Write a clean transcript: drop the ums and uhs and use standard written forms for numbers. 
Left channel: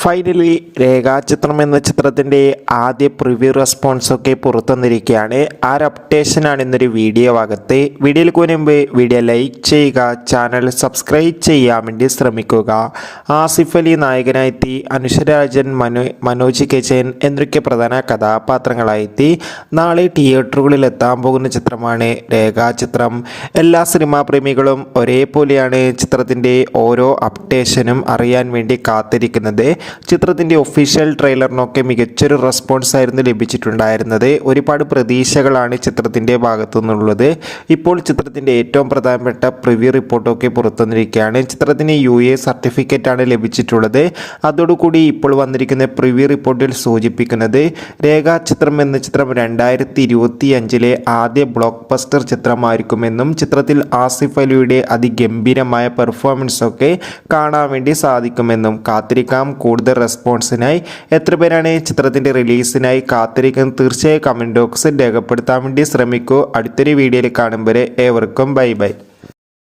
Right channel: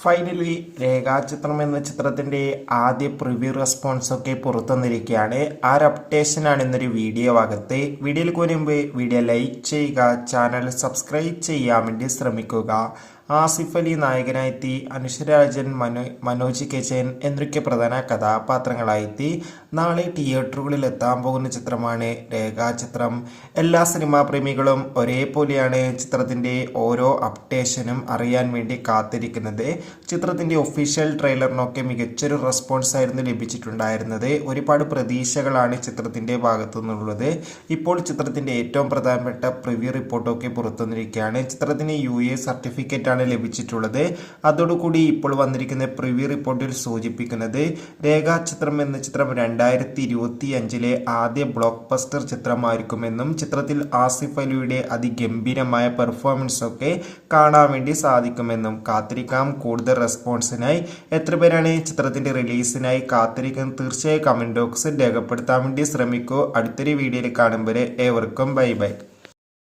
Finally രേഖാചിത്രം എന്ന ചിത്രത്തിൻ്റെ ആദ്യ പ്രിവ്യൂ റെസ്പോൺസൊക്കെ പുറത്തു വന്നിരിക്കുകയാണ്. ആ ഒരു അപ്ഡേഷനാണ് ഇന്നൊരു വീഡിയോ ഭാഗത്ത്. വീഡിയോയിലേക്ക് മുൻപ് വീഡിയോ ലൈക്ക് ചെയ്യുക, ചാനൽ സബ്സ്ക്രൈബ് ചെയ്യാൻ വേണ്ടി ശ്രമിക്കുക. ആസിഫ് അലി നായകനായെത്തി, അനുഷരാജൻ, മനോജ് കെജൻ എന്നൊക്കെ പ്രധാന കഥാപാത്രങ്ങളായെത്തി നാളെ തിയേറ്ററുകളിൽ എത്താൻ പോകുന്ന ചിത്രമാണ് രേഖാചിത്രം. എല്ലാ സിനിമാ പ്രേമികളും ഒരേപോലെയാണ് ചിത്രത്തിൻ്റെ ഓരോ അപ്ഡേഷനും അറിയാൻ വേണ്ടി കാത്തിരിക്കുന്നത്. ചിത്രത്തിൻ്റെ ഒഫീഷ്യൽ ട്രെയിലറിനൊക്കെ മികച്ചൊരു റെസ്പോൺസ് ആയിരുന്നു ലഭിച്ചിട്ടുണ്ടായിരുന്നത്. ഒരുപാട് പ്രതീക്ഷകളാണ് ചിത്രത്തിൻ്റെ ഭാഗത്തു നിന്നുള്ളത്. ഇപ്പോൾ ചിത്രത്തിൻ്റെ ഏറ്റവും പ്രധാനപ്പെട്ട പ്രിവ്യൂ റിപ്പോർട്ടൊക്കെ പുറത്തുവന്നിരിക്കുകയാണ്. ചിത്രത്തിന് UA സർട്ടിഫിക്കറ്റ് ആണ് ലഭിച്ചിട്ടുള്ളത്. അതോടുകൂടി ഇപ്പോൾ വന്നിരിക്കുന്ന പ്രിവ്യൂ റിപ്പോർട്ടിൽ സൂചിപ്പിക്കുന്നത് രേഖാചിത്രം എന്ന ചിത്രം 2025 ആദ്യ ബ്ലോക്ക് ബസ്റ്റർ ചിത്രമായിരിക്കുമെന്നും ചിത്രത്തിൽ ആസിഫ് അലിയുടെ അതിഗംഭീരമായ പെർഫോമൻസ് ഒക്കെ കാണാൻ വേണ്ടി സാധിക്കുമെന്നും. കാത്തിരിക്കാം കൂടുതൽ റെസ്പോൺസിനായി. എത്ര പേരാണ് ചിത്രത്തിൻ്റെ റിലീസിനായി കാത്തിരിക്കുന്നത്? തീർച്ചയായും കമൻറ്റ് ബോക്സിൽ രേഖപ്പെടുത്താൻ വേണ്ടി ശ്രമിക്കൂ. അടുത്തൊരു വീഡിയോയിൽ കാണും വരെ ഏവർക്കും ബൈ ബൈ.